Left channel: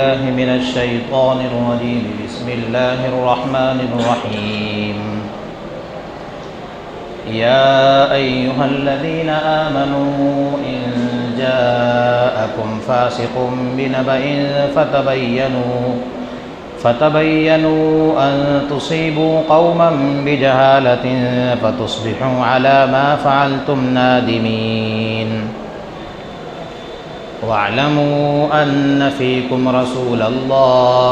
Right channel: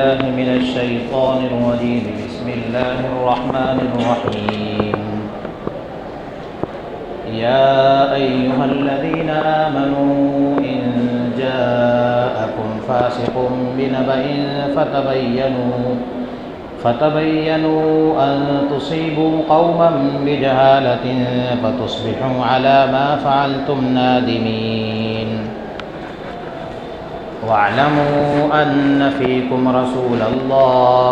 بالله من الشيطان الرجيم. بسم الله الرحمن الرحيم. يا أيها الذين آمنوا إن جاءكم فاسق بنبأ فتبينوا أن تصيبوا قوما بجهالة فتصبحوا على ما فعلتم نادمين. واعلموا أن فيكم رسول الله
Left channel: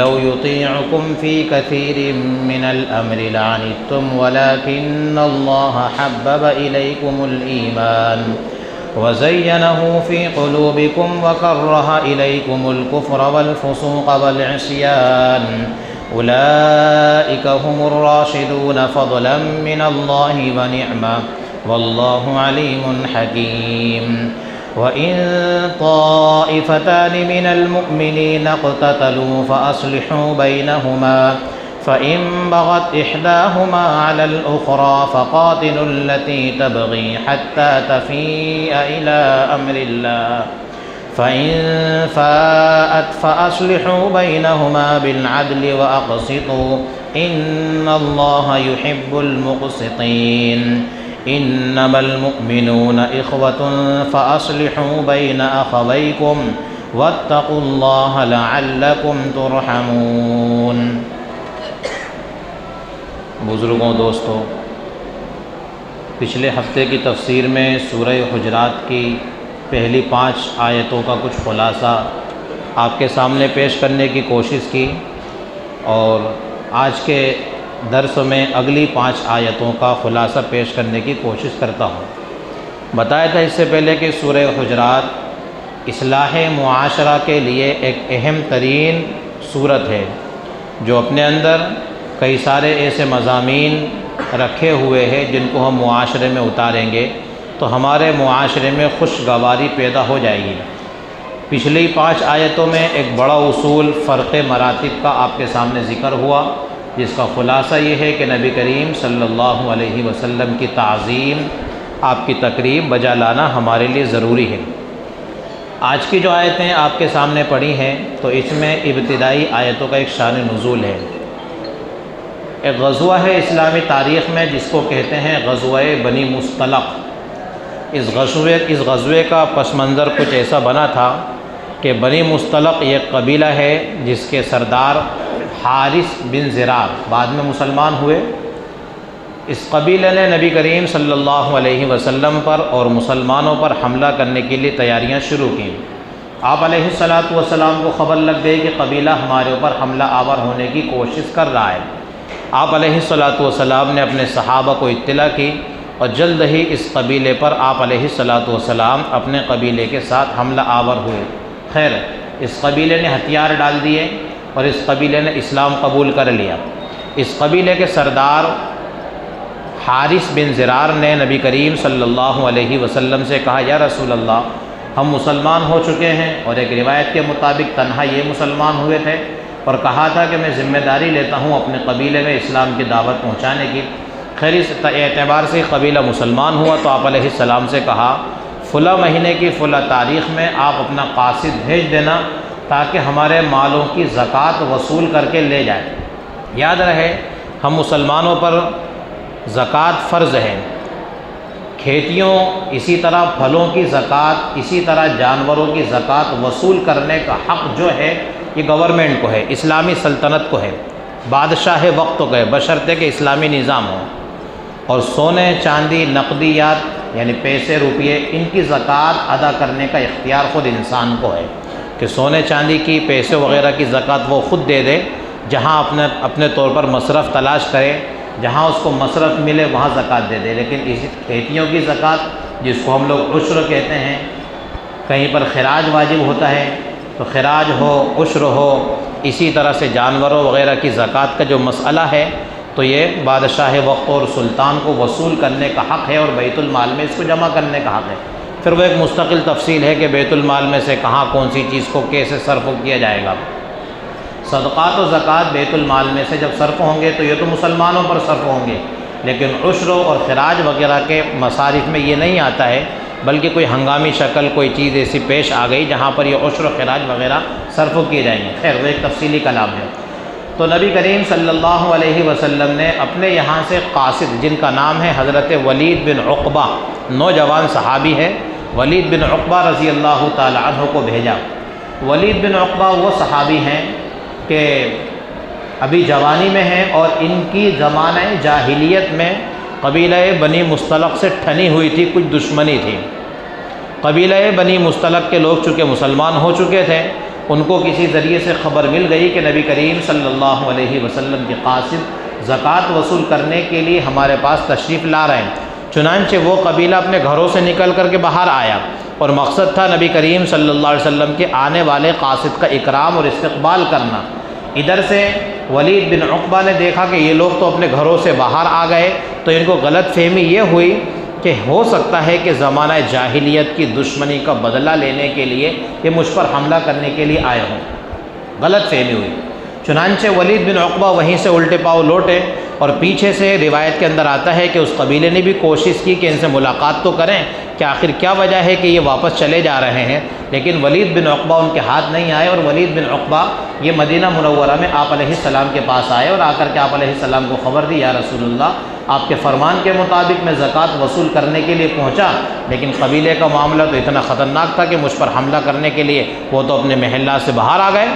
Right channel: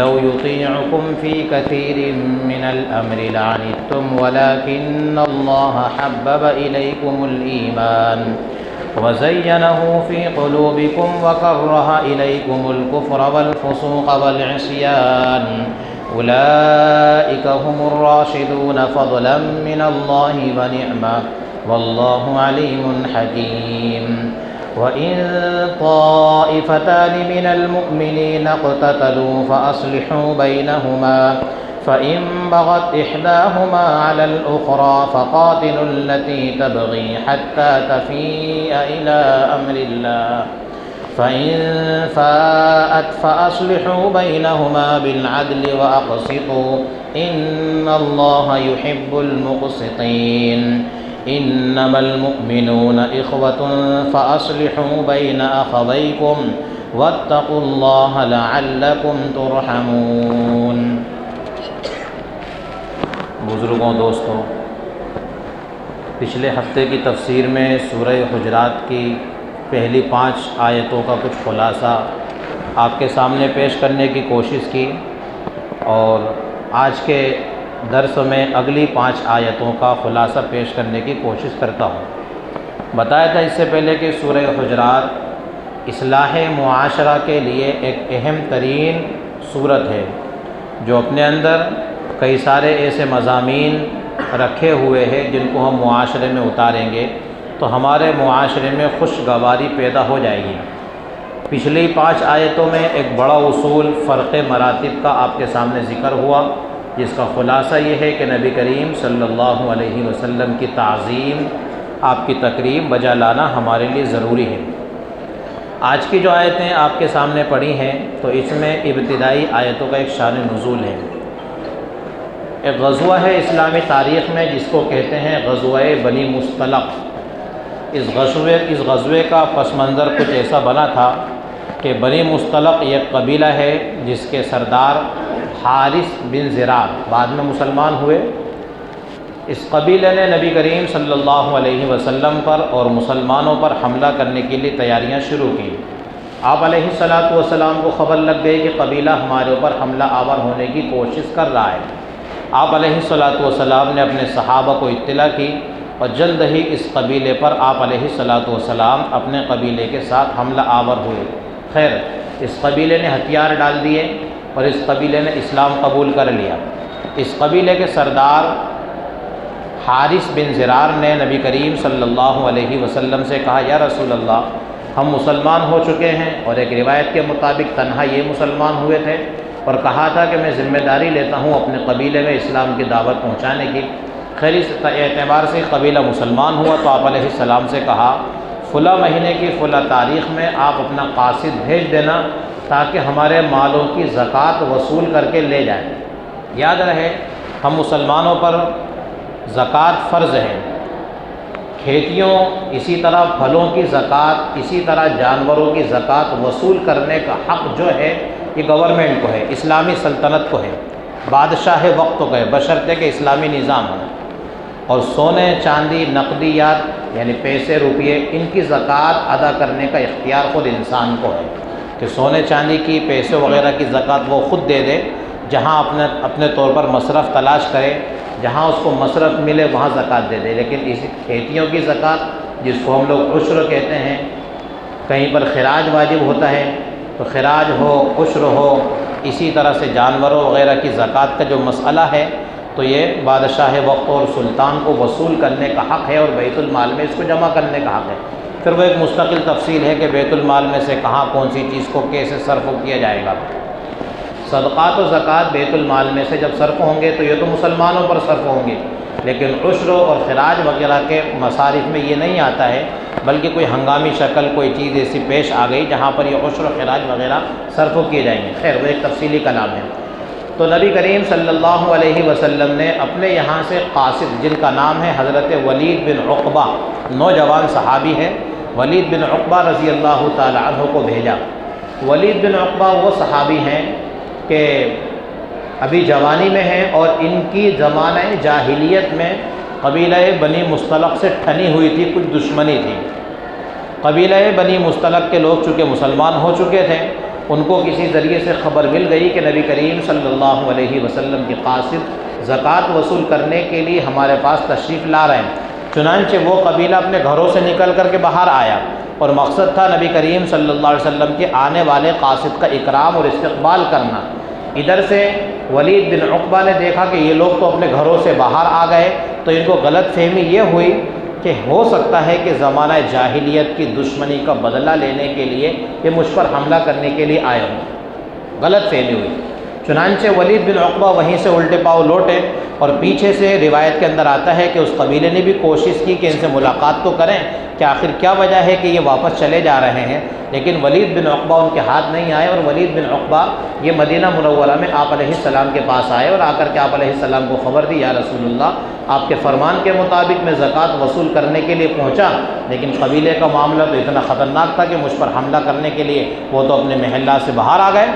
لو يطيعكم في كثير من الأمر لعنتم ولكن الله حبب إليكم الإيمان وزينه في قلوبكم وكره إليكم الكفر والفسوق والعصيان أولئك هم الراشدون فضلا من الله ونعمة والله عليم حكيم. وإن طائفتان من المؤمنين اقتتلوا فأصلحوا بينهما فإن بغت إحداهما على الأخرى فقاتلوا التي تبغي حتى تفيء إلى أمر الله فإن فاءت فأصلحوا بينهما بالعدل وأقسطوا إن الله يحب المقسطين. إنما المؤمنون إخوة فأصلحوا بين أخويكم واتقوا الله لعلكم ترحمون. بزرگوں، دوستوں، پچھلے ہفتے کی تفسیر میں سورہ حجرات کی پہلی 5 آیتوں کا کچھ خلاصہ آپ کے سامنے پیش کرنے کی کوشش کی، اور آج کے درس میں اگلی 5 آیتوں کا خلاصہ پیش کرنے کی کوشش کرتا ہوں۔ بتایا تھا اس سے پہلے کہ سورہ حجرات اصلاح معاشرہ کے لیے ایک اہم ترین صورت ہے، جو اپنے اندر کئی سارے ایسے مضامین رکھے ہوئے ہیں جن کو ہم معاشرے میں اتاریں گے تو ہمارے معاشرے میں خوشگواری پیدا ہو جائے گی۔ پچھلی 5 آیتوں میں ایک بڑا اصول فرق مراتب کا آپ کے سامنے ذکر ہوا، جس کا خلاصہ یہ ہے کہ نبی کریم صلی اللہ علیہ وسلم کی تعظیم، آپ کی تقریب بجا لانا ہمارے لیے ضروری ہے۔ آج کی جو آیتیں آپ کے سامنے پڑھی ہیں تو اس میں ابتدائی آیتوں کا ایک شان نزول ہے۔ ایک غزوہ ہے اسلامی تاریخ میں جس کو کہتے ہیں غزوہ بنی مصطلق۔ اس غزوے کا پس منظر کچھ ایسا بنا تھا کہ بنی مصطلق ایک قبیلہ ہے جس کے سردار حارث بن زرار بعد میں مسلمان ہوئے۔ اس قبیلے نے نبی کریم صلی اللہ علیہ وسلم پر اور مسلمانوں پر حملہ کرنے کے لیے تیاریاں شروع کی۔ آپ علیہ السلام کو خبر لگ گئی کہ قبیلہ ہمارے اوپر حملہ آور ہونے کی کوشش کر رہا ہے۔ آپ علیہ السلام نے اپنے صحابہ کو اطلاع کی اور جلد ہی اس قبیلے پر آپ علیہ السلام اپنے قبیلے کے ساتھ حملہ آور ہوئے۔ خیر، اس قبیلے نے ہتھیار ڈال دیے اور اس قبیلے نے اسلام قبول کر لیا۔ اس قبیلے کے سردار حارث بن زرار نے نبی کریم صلی اللہ علیہ وسلم سے کہا، یا رسول اللہ، ہم مسلمان ہو چکے ہیں، اور ایک روایت کے مطابق تنہا یہ مسلمان ہوئے تھے، اور کہا تھا کہ میں ذمہ داری لیتا ہوں اپنے قبیلے میں اسلام کی دعوت پہنچانے کی۔ خیر، اس اعتبار سے قبیلہ مسلمان ہوا تو آپ علیہ السلام سے کہا، فلاں مہینے کی فلاں تاریخ میں آپ اپنا قاصد بھیج دینا تاکہ ہمارے مالوں کی زکوٰۃ وصول کر کے لے جائیں۔ یاد رہے، ہم مسلمانوں پر زکوٰۃ فرض ہے۔ کھیتیوں، اسی طرح پھلوں کی زکوٰۃ، اسی طرح جانوروں کی زکوٰۃ وصول کرنے کا حق جو ہے یہ گورنمنٹ کو ہے، اسلامی سلطنت کو ہے، بادشاہ وقت کو ہے، بشرطے کہ اسلامی نظام ہو۔ اور سونے، چاندی، نقدیات یعنی پیسے، روپیے، ان کی زکوٰۃ ادا کرنے کا اختیار خود انسان کو ہے کہ سونے چاندی کی، پیسے وغیرہ کی زکوٰۃ وہ خود دے دے، جہاں اپنے طور پر مصرف تلاش کرے، جہاں اس کو مصرف ملے وہاں زکوٰۃ دے دے۔ لیکن اس کھیتیوں کی زکوٰۃ، جس کو ہم لوگ عشر کہتے ہیں، کہیں پر خراج واجب ہوتا ہے تو خراج ہو، عشر ہو، اسی طرح سے جانوروں وغیرہ کی زکوٰۃ کا جو مسئلہ ہے تو یہ بادشاہ وقت اور سلطان کو وصول کرنے کا حق ہے، اور بیت المال میں اس کو جمع کرنے کا حق ہے۔ پھر وہ ایک مستقل تفصیل ہے کہ بیت المال میں سے کہاں کون سی چیز کو کیسے صرف کیا جائے گا۔ صدقات و زکوٰۃ بیت المال میں سے جب صرف ہوں گے تو یہ تو مسلمانوں پر صرف ہوں گے، لیکن عشر اور خراج وغیرہ کے مصارف میں یہ نہیں آتا ہے بلکہ کوئی ہنگامی شکل کوئی چیز ایسی پیش آ گئی جہاں پر یہ عشر و خراج وغیرہ صرف کیے جائیں گے۔ خیر وہ ایک تفصیلی کلام ہے۔ تو نبی کریم صلی اللہ علیہ وسلم نے اپنے یہاں سے قاصد، جن کا نام ہے حضرت ولید بن عقبہ، نوجوان صحابی ہے، ولید بن عقبہ رضی اللہ تعالی عنہ کو بھیجا۔ ولید بن عقبہ وہ صحابی ہیں کہ ابھی جوانی میں ہیں اور ان کی زمانہ جاہلیت میں قبیلہ بنی مصطلق سے ٹھنی ہوئی تھی، کچھ دشمنی تھی۔ قبیلہ بنی مصطلق کے لوگ چونکہ مسلمان ہو چکے تھے، ان کو کسی ذریعے سے خبر مل گئی کہ نبی کریم صلی اللہ علیہ وسلم کے قاصد زکوٰۃ وصول کرنے کے لیے ہمارے پاس تشریف لا رہے ہیں۔ چنانچہ وہ قبیلہ اپنے گھروں سے نکل کر کے باہر آیا اور مقصد تھا نبی کریم صلی اللہ علیہ وسلم کے آنے والے قاصد کا اکرام اور استقبال کرنا۔ ادھر سے ولید بن عقبہ نے دیکھا کہ یہ لوگ تو اپنے گھروں سے باہر آ گئے، تو ان کو غلط فہمی یہ ہوئی کہ ہو سکتا ہے کہ زمانہ جاہلیت کی دشمنی کا بدلہ لینے کے لیے یہ مجھ پر حملہ کرنے کے لیے آئے ہوں، غلط فہمی ہوئی۔ چنانچہ ولید بن عقبہ وہیں سے الٹے پاؤں لوٹے، اور پیچھے سے روایت کے اندر آتا ہے کہ اس قبیلے نے بھی کوشش کی کہ ان سے ملاقات تو کریں کہ آخر کیا وجہ ہے کہ یہ واپس چلے جا رہے ہیں، لیکن ولید بن عقبہ ان کے ہاتھ نہیں آئے، اور ولید بن عقبہ یہ مدینہ منورہ میں آپ علیہ السلام کے پاس آئے اور آ کر کے آپ علیہ السلام کو خبر دی، یا رسول اللہ آپ کے فرمان کے مطابق میں زکوٰۃ وصول کرنے کے لیے پہنچا، لیکن قبیلے کا معاملہ تو اتنا خطرناک تھا کہ مجھ پر حملہ کرنے کے لیے وہ تو اپنے محلہ سے باہر آ گئے۔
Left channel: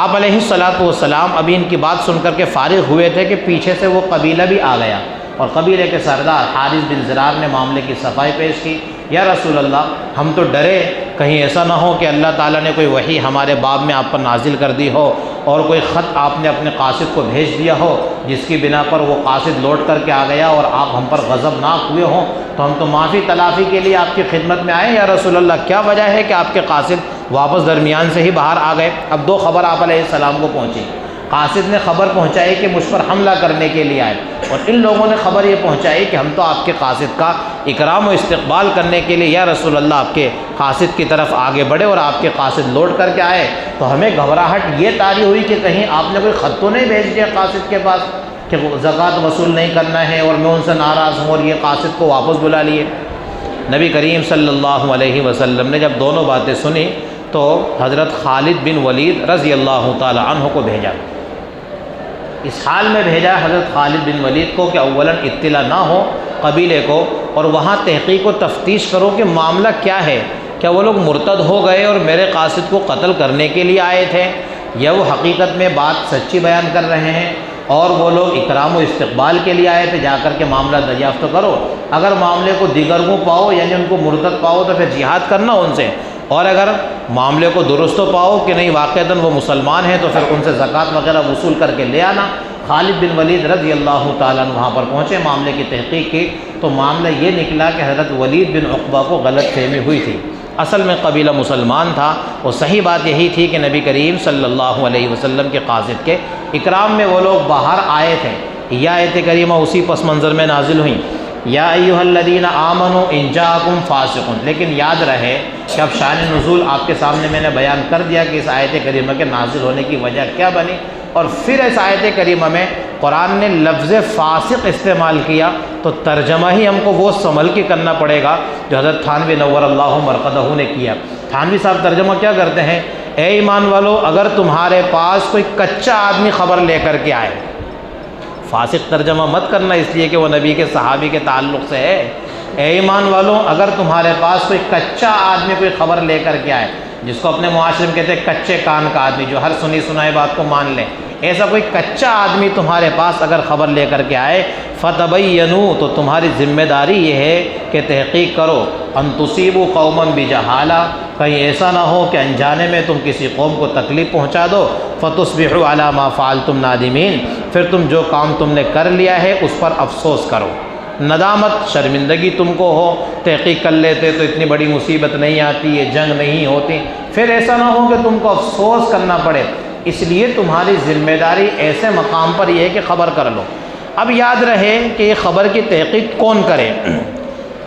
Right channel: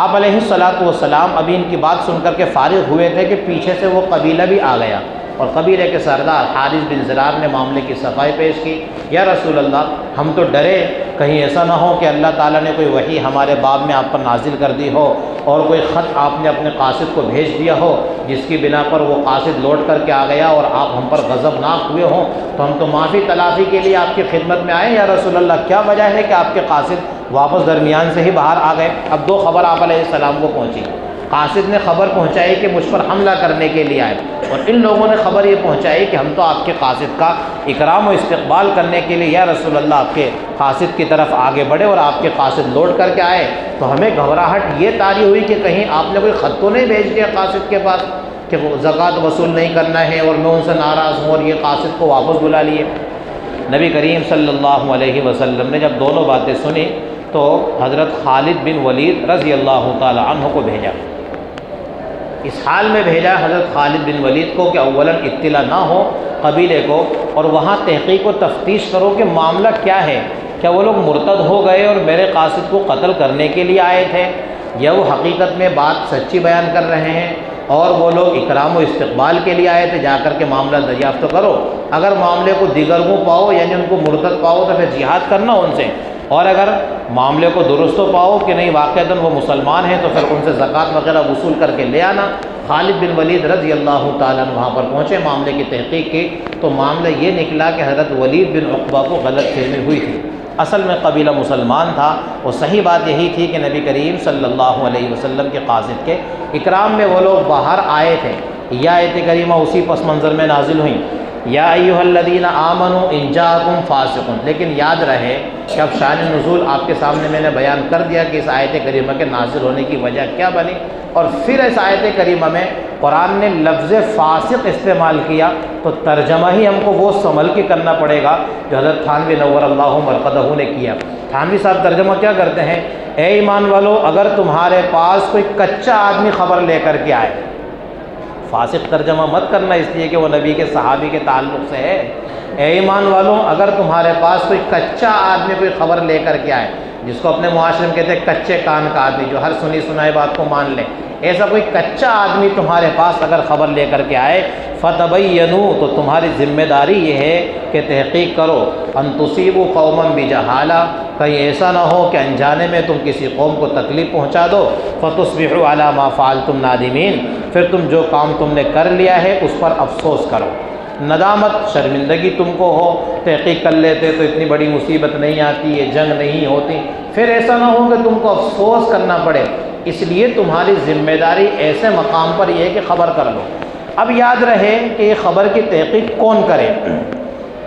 آپ علیہ السلام ابھی ان کی بات سن کر کے فارغ ہوئے تھے کہ پیچھے سے وہ قبیلہ بھی آ گیا، اور قبیلے کے سردار حارث بن زرار نے معاملے کی صفائی پیش کی، یا رسول اللہ ہم تو ڈرے کہیں ایسا نہ ہو کہ اللہ تعالیٰ نے کوئی وحی ہمارے باب میں آپ پر نازل کر دی ہو اور کوئی خط آپ نے اپنے قاصد کو بھیج دیا ہو جس کی بنا پر وہ قاصد لوٹ کر کے آ گیا اور آپ ہم پر غضبناک ہوئے ہوں، تو ہم تو معافی تلافی کے لیے آپ کی خدمت میں آئے، یا رسول اللہ کیا وجہ ہے کہ آپ کے قاصد واپس درمیان سے ہی باہر آ گئے۔ اب دو خبر آپ علیہ السلام کو پہنچی، قاصد نے خبر پہنچائی کہ مجھ پر حملہ کرنے کے لیے آئے، اور ان لوگوں نے خبر یہ پہنچائی کہ ہم تو آپ کے قاصد کا اکرام و استقبال کرنے کے لیے یا رسول اللہ آپ کے قاصد کی طرف آگے بڑھے اور آپ کے قاصد لوٹ کر کے آئے، تو ہمیں گھبراہٹ یہ طاری ہوئی کہ کہیں آپ نے کوئی خط تو نہیں بھیج دیا قاصد کے پاس کہ وہ زکوٰۃ وصول نہیں کرنا ہے اور میں ان سے ناراض ہوں اور یہ قاصد کو واپس بلا لیے۔ نبی کریم صلی اللہ علیہ وسلم نے جب دونوں باتیں سنی تو حضرت خالد بن ولید رضی اللہ تعالی عنہ کو بھیجا، اس حال میں بھیجا حضرت خالد بن ولید کو کہ اولاً اطلاع نہ ہو قبیلے کو، اور وہاں تحقیق و تفتیش کرو کہ معاملہ کیا ہے، کیا وہ لوگ مرتد ہو گئے اور میرے قاصد کو قتل کرنے کے لیے آئے تھے، یا وہ حقیقت میں بات سچی بیان کر رہے ہیں اور وہ لوگ اکرام و استقبال کے لیے آئے تھے، جا کر کے معاملہ دریافت کرو۔ اگر معاملے کو دیگرگوں پاؤ یعنی ان کو مرتد پاؤ تو پھر جہاد کرنا ان سے، اور اگر معاملے کو درست پاؤ کہ نہیں واقعتاً وہ مسلمان ہیں تو پھر ان سے زکوٰۃ وغیرہ وصول کر کے لے آنا۔ خالد بن ولید رضی اللہ تعالیٰ عنہ وہاں پر پہنچے، معاملے کی تحقیق کی تو معاملہ یہ نکلا کہ حضرت ولید بن عقبہ کو غلط فہمی ہوئی تھی، اصل میں قبیلہ مسلمان تھا، اور صحیح بات یہی تھی کہ نبی کریم صلی اللہ علیہ وسلم کے قاصد کے اکرام میں وہ لوگ باہر آئے تھے۔ یہ آیت کریمہ اسی پس منظر میں نازل ہوئیں، یا ایھا الذین آمنوا ان جاءکم فاسق، لیکن یاد رہے کہ اب شان نزول آپ کے سامنے میں نے بیان کر دیا کہ اس آیت کریمہ کے نازل ہونے کی وجہ کیا بنی، اور پھر اس آیت کریمہ میں قرآن نے لفظ فاسق استعمال کیا تو ترجمہ ہی ہم کو وہ سنبھل کے کرنا پڑے گا جو حضرت تھانوی نور اللہ مرقدہ نے کیا۔ تھانوی صاحب ترجمہ کیا کرتے ہیں، اے ایمان والو اگر تمہارے پاس کوئی کچا آدمی خبر لے کر کے آئے، فاسق ترجمہ مت کرنا اس لیے کہ وہ نبی کے صحابی کے تعلق سے ہے، اے ایمان والوں اگر تمہارے پاس کوئی کچا آدمی کوئی خبر لے کر کے آئے، جس کو اپنے معاشرے میں کہتے ہیں کچے کان کا آدمی جو ہر سنی سنائی بات کو مان لے، ایسا کوئی کچا آدمی تمہارے پاس اگر خبر لے کر کے آئے، فتبینوا تو تمہاری ذمہ داری یہ ہے کہ تحقیق کرو، ان تصیبوا قوما بجہالہ کہیں ایسا نہ ہو کہ انجانے میں تم کسی قوم کو تکلیف پہنچا دو، فتصبحوا علی ما فعلتم نادمین پھر تم جو کام تم نے کر لیا ہے اس پر افسوس کرو، ندامت شرمندگی تم کو ہو، تحقیق کر لیتے تو اتنی بڑی مصیبت نہیں آتی، یہ جنگ نہیں ہوتی، پھر ایسا نہ ہو کہ تم کو افسوس کرنا پڑے، اس لیے تمہاری ذمہ داری ایسے مقام پر یہ ہے کہ خبر کر لو۔ اب یاد رہے کہ یہ خبر کی تحقیق کون کرے۔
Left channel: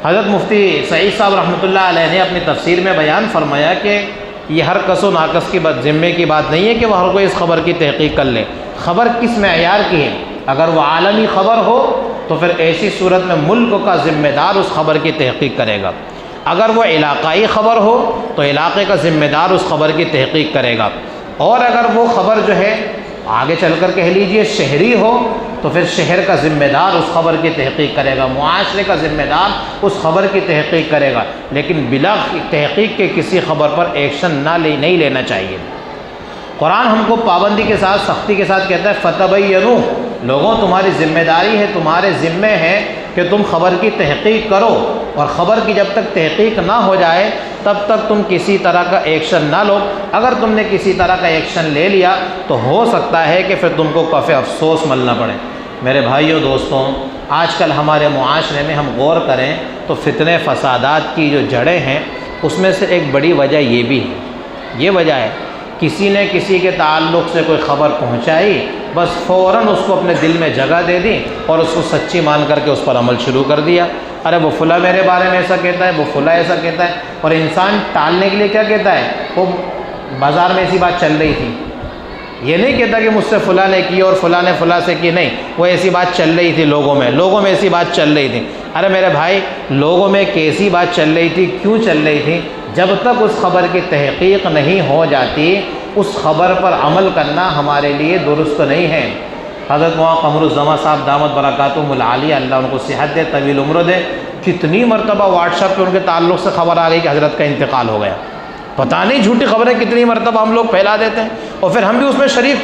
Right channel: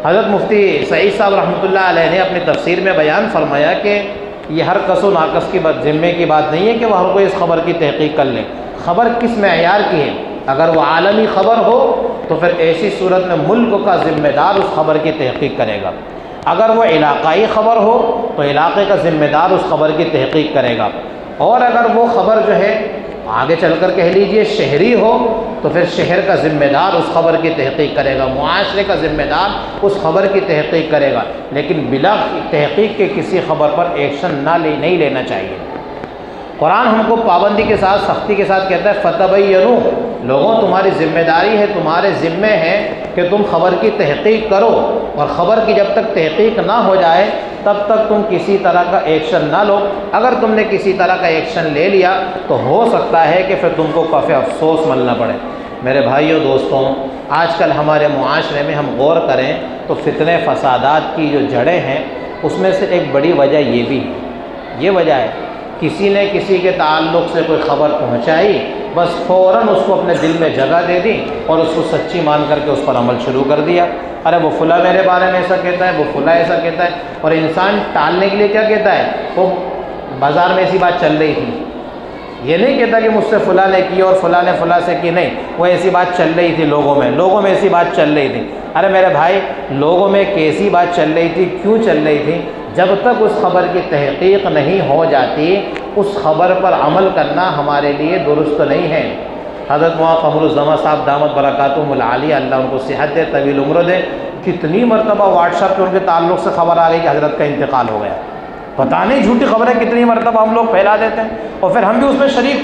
حضرت مفتی سعید صاحب رحمۃ اللہ علیہ نے اپنی تفسیر میں بیان فرمایا کہ یہ ہر کس و ناقص کی ذمے کی بات نہیں ہے کہ وہ ہر کوئی اس خبر کی تحقیق کر لے، خبر کس معیار کی ہے، اگر وہ عالمی خبر ہو تو پھر ایسی صورت میں ملک کا ذمہ دار اس خبر کی تحقیق کرے گا، اگر وہ علاقائی خبر ہو تو علاقے کا ذمہ دار اس خبر کی تحقیق کرے گا، اور اگر وہ خبر جو ہے آگے چل کر کہہ لیجئے شہری ہو تو پھر شہر کا ذمہ دار اس خبر کی تحقیق کرے گا، معاشرے کا ذمہ دار اس خبر کی تحقیق کرے گا، لیکن بلا تحقیق کے کسی خبر پر ایکشن نہیں لینا چاہیے۔ قرآن ہم کو پابندی کے ساتھ سختی کے ساتھ کہتا ہے فتبینوا، لوگوں تمہاری ذمہ داری ہے، تمہارے ذمے ہے کہ تم خبر کی تحقیق کرو، اور خبر کی جب تک تحقیق نہ ہو جائے تب تک تم کسی طرح کا ایکشن نہ لو۔ اگر تم نے کسی طرح کا ایکشن لے لیا تو ہو سکتا ہے کہ پھر تم کو کفِ افسوس ملنا پڑے۔ میرے بھائیوں دوستوں، آج کل ہمارے معاشرے میں ہم غور کریں تو فتنے فسادات کی جو جڑیں ہیں اس میں سے ایک بڑی وجہ یہ بھی ہے، یہ وجہ ہے کسی نے کسی کے تعلق سے کوئی خبر پہنچائی، بس فوراً اس کو اپنے دل میں جگہ دے دی اور اس کو سچی مان کر کے اس پر عمل شروع کر دیا۔ ارے وہ فلاں میرے بارے میں ایسا کہتا ہے، وہ فلاں ایسا کہتا ہے، اور انسان ٹالنے کے لیے کیا کہتا ہے، تو بازار میں ایسی بات چل رہی تھی، یہ نہیں کہتا کہ مجھ سے فلاں نے کی اور فلاں نے فلاں سے کی، نہیں، وہ ایسی بات چل رہی تھی لوگوں میں ایسی بات چل رہی تھی۔ ارے میرے بھائی، لوگوں میں کیسی بات چل رہی تھی، کیوں چل رہی تھی؟ جب تک اس خبر کی تحقیق نہیں ہو جاتی اس خبر پر عمل کرنا ہمارے لیے درست نہیں ہے۔ حضرت مولانا قمر الزمان صاحب دامت برکاتہم العالیہ، اللہ ان کو صحت دے، طویل عمر دے، کتنی مرتبہ واٹس ایپ پہ ان کے تعلق سے خبر آ رہی کہ حضرت کا انتقال ہو گیا۔ پتہ نہیں جھوٹی خبریں کتنی مرتبہ ہم لوگ پھیلا دیتے ہیں، اور پھر ہم بھی اس میں شریک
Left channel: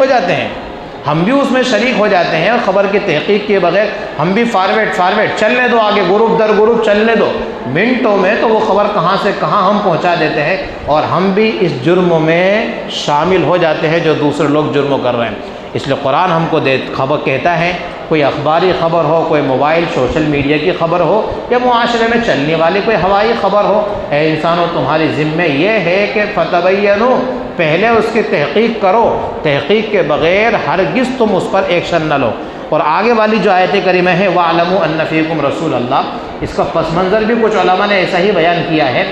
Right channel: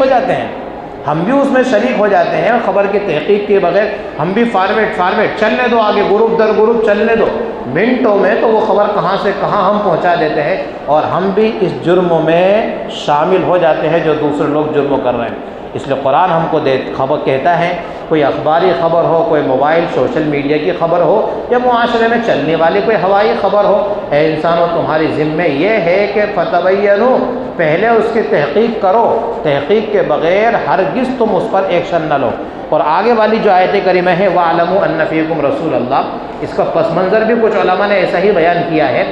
ہو جاتے ہیں، خبر کی تحقیق کے بغیر ہم بھی فارورڈ چلنے دو، آگے گروپ در گروپ چلنے دو، منٹوں میں تو وہ خبر کہاں سے کہاں ہم پہنچا دیتے ہیں، اور ہم بھی اس جرم میں شامل ہو جاتے ہیں جو دوسرے لوگ جرم کر رہے ہیں۔ اس لیے قرآن ہم کو خبر کہتا ہے، کوئی اخباری خبر ہو، کوئی موبائل سوشل میڈیا کی خبر ہو، یا معاشرے میں چلنے والی کوئی ہوائی خبر ہو، اے انسانوں تمہاری ذمہ یہ ہے کہ فتبینوا، پہلے اس کی تحقیق کرو، تحقیق کے بغیر ہرگز تم اس پر ایکشن نہ لو۔ اور آگے والی جو آیت کریمہ ہے وَاعْلَمُوا أَنَّ فِيكُمْ رَسُولَ اللَّهِ، اس کا پس منظر بھی کچھ علماء نے ایسا ہی بیان کیا ہے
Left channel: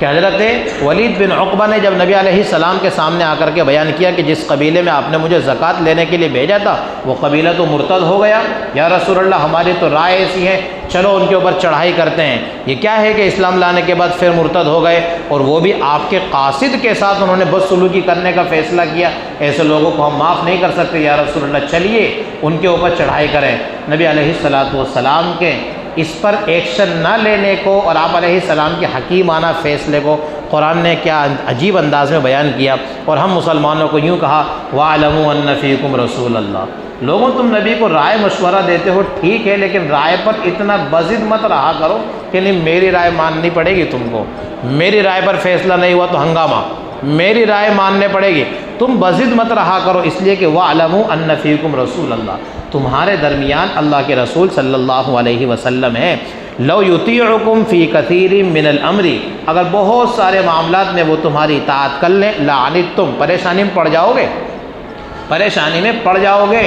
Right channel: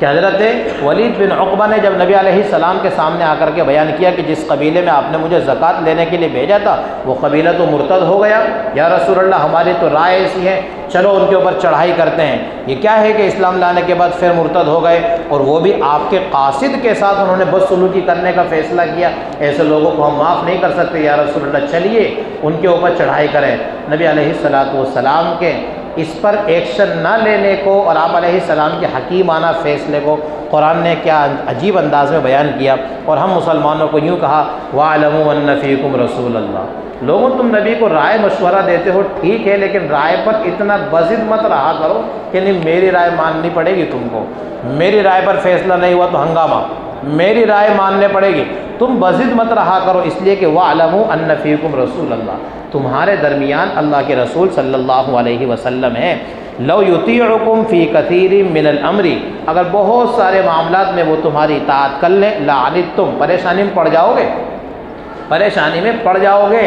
کہ حضرت ولید بن عقبہ نے جب نبی علیہ السلام کے سامنے آ کر کے بیان کیا کہ جس قبیلے میں آپ نے مجھے زکوٰۃ لینے کے لیے بھیجا تھا وہ قبیلہ تو مرتد ہو گیا، یا رسول اللہ ہماری تو رائے ایسی ہے، چلو ان کے اوپر چڑھائی کرتے ہیں۔ یہ کیا ہے کہ اسلام لانے کے بعد پھر مرتد ہو گئے، اور وہ بھی آپ کے قاصد کے ساتھ انہوں نے بدسلوکی کرنے کا فیصلہ کیا، ایسے لوگوں کو ہم معاف نہیں کر سکتے، یا رسول اللہ چلیے ان کے اوپر چڑھائی کریں۔ نبی علیہ السلام کے اس پر ایکشن نہ لینے کو اور آپ علیہ السلام کے حکیمانہ فیصلے کو قرآن نے کیا عجیب انداز میں بیان کیا، اور ہم مسلمانوں کو یوں کہا وَاعْلَمُوا أَنَّ فِيكُمْ رَسُولَ اللَّهِ، لوگوں تم نبی کو رائے مشورہ دیتے ہو ٹھیک ہے، لیکن رائے پر اتنا بضد مت رہا کرو کہ نہیں میری رائے ماننی پڑے گی تم کو، میری رائے پر فیصلہ نہیں ہوا تو ہنگامہ، میری رائے ماننے پڑے گی، تم بضد مت رہا کرو، اس لیے کہ وَاعْلَمُوا أَنَّ فِيكُمْ رَسُولَ اللَّهِ، تمہارے درمیان اللہ کے رسول صلی اللہ علیہ وسلم ہے۔ لو یطیعکم فی کثیر من الامر، اگر بہت سارے معاملات میں وہ تمہاری اطاعت کر لیں، لعنتم، پریشانی میں پڑ جاؤ گے، پریشانی میں پڑ جاؤ گے،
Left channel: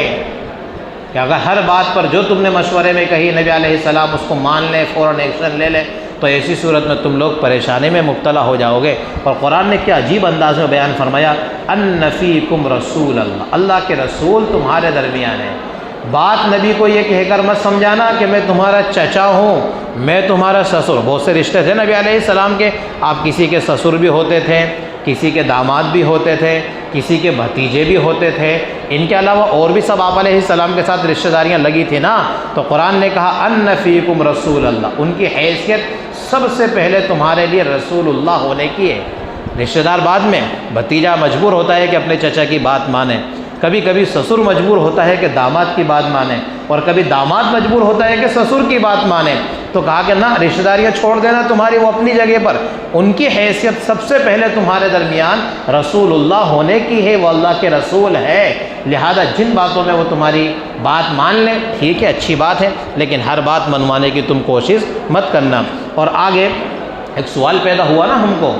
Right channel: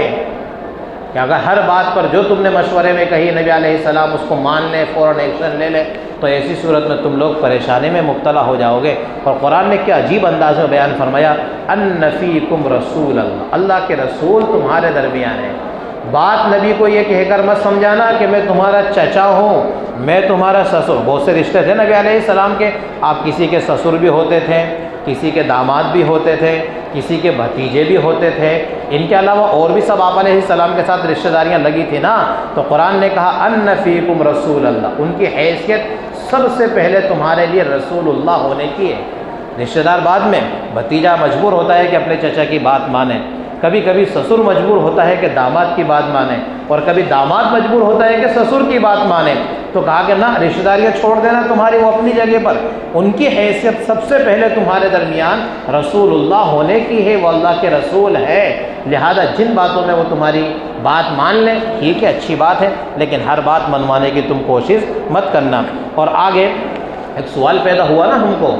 کہ اگر ہر بات پر جو تم نے مشورے میں کہی نبی علیہ السلام اس کو مان لیں، فوراً ایکشن لے لیں، تو ایسی صورت میں تم لوگ پریشانی میں مبتلا ہو جاؤ گے۔ اور قرآن نے کیا عجیب انداز میں بیان فرمایا، ان فیکم رسول اللہ، اللہ کے رسول تمہارے درمیان ہے۔ بات نبی کو یہ کہہ کر مت سمجھانا کہ میں تمہارا چچا ہوں، میں تمہارا سسر، بہت سے رشتے تھے نبی علیہ السلام کے، آپ کسی کے سسر بھی ہوتے تھے، کسی کے داماد بھی ہوتے تھے، کسی کے بھتیجے بھی ہوتے تھے، ان کے علاوہ اور بھی سب آپ علیہ السلام کے ساتھ رشتہ داریاں لگی تھی نا، تو قرآن نے کہا ان فیکم رسول اللہ، ان کی حیثیت سب سے پہلے تمہارے لیے رسول اللہ ہونے کی ہے۔ رشتہ دار بعد میں، بھتیجا مجبور ہوتا ہے کہ اپنے چچا کی بات مانے، کبھی کبھی سسر مجبور ہوتا ہے کہ داماد کی بات مانے، اور کبھی داماد مجبور ہوتا ہے کہ سسر کی بات مانے، تو کہا کہ نہ، رشتہ داریاں چھوڑ دینا تمہاری وہ اپنی جگہ پر، ان کی حیثیت سب سے پہلے تمہارے درمیان رسول اللہ ہونے کی ہے، وہ اللہ کے رسول ہے، لہذا جن باتوں میں وہ تمہاری بات مان لیں ٹھیک ہے، اچھی بات ہے، لیکن ہر بات منوانے کی تم کوشش مت کرنا۔ اور آگے ایک سوال پیدا ہوا نا ہم کو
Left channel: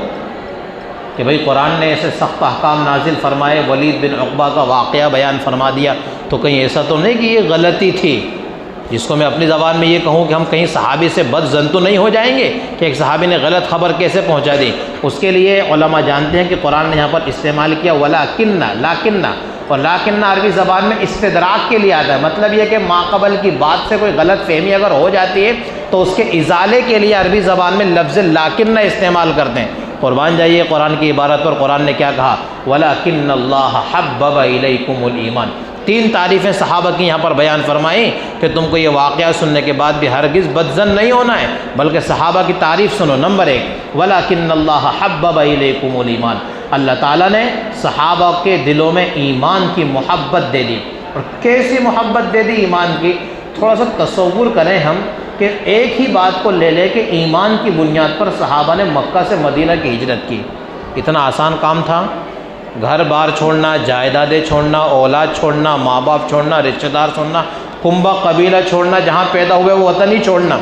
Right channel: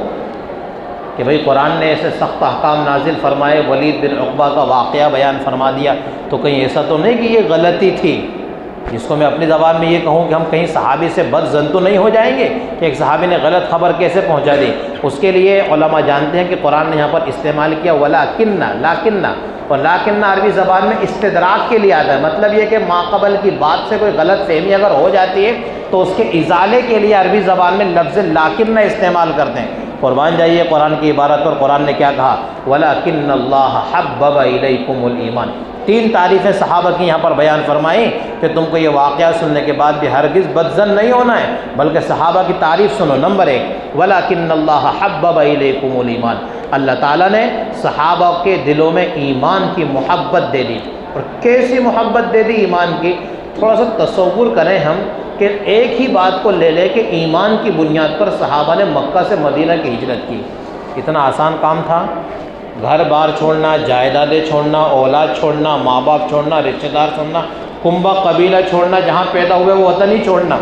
کہ بھئی قرآن نے ایسے سخت احکام نازل فرمائے، ولید بن عقبہ کا واقعہ بیان فرما دیا، تو کہیں ایسا تو نہیں کہ یہ غلطی تھی، جس کو میں اپنی زبان میں یہ کہوں کہ ہم کہیں صحابی سے بد ظن تو نہیں ہو جائیں گے کہ ایک صحابی نے غلط خبر کیسے پہنچا دی؟ اس کے لیے علماء جانتے ہیں کہ قرآن نے یہاں پر استعمال کیا وَلَكِنَّ، اور لیکن عربی زبان میں استدراک کے لیے آتا ہے، مطلب یہ کہ ماقبل کی بات سے کوئی غلط فہمی اگر ہو جاتی ہے تو اس کے ازالے کے لیے عربی زبان میں لفظ لیکن استعمال کرتے ہیں۔ قربان جائیے قرآن کی عبارت پر، قرآن نے کیا کہا؟ وَلَكِنَّ اللَّهَ حَبَّبَ إِلَيْكُمُ الْإِيمَانَ۔ 3 تعریفیں صحابہ کی یہاں پر بیان فرمائی کہ تم کو یہ واقعہ سننے کے بعد بھی ہرگز بدظن نہیں ہونا ہے، بلکہ صحابہ کی تعریف سنو۔ نمبر 1، وَلَكِنَّ اللَّهَ حَبَّبَ إِلَيْكُمُ الْإِيمَانَ، اللہ تعالیٰ نے صحابہ کے دلوں میں ایمان کی محبت دے دی۔ اور کیسی محبت دے دی ایمان کی؟ تھوڑا سا تصور کریں ہم کہ ایک ہی بات کو لے لے کہ ایمان کی بنیاد پر صحابہ نے مکہ سے مدینہ کی ہجرت کی۔ اتنا آسان کام تھا؟ گھر بار چھوڑنا، جائیدادیں چھوڑنا، اولاد چھوڑنا، ماں باپ چھوڑنا، رشتہ دار چھوڑنا، کنبہ قبیلہ چھوڑنا، جہاں پیدا ہوئے وہ وطن ہی چھوڑنا،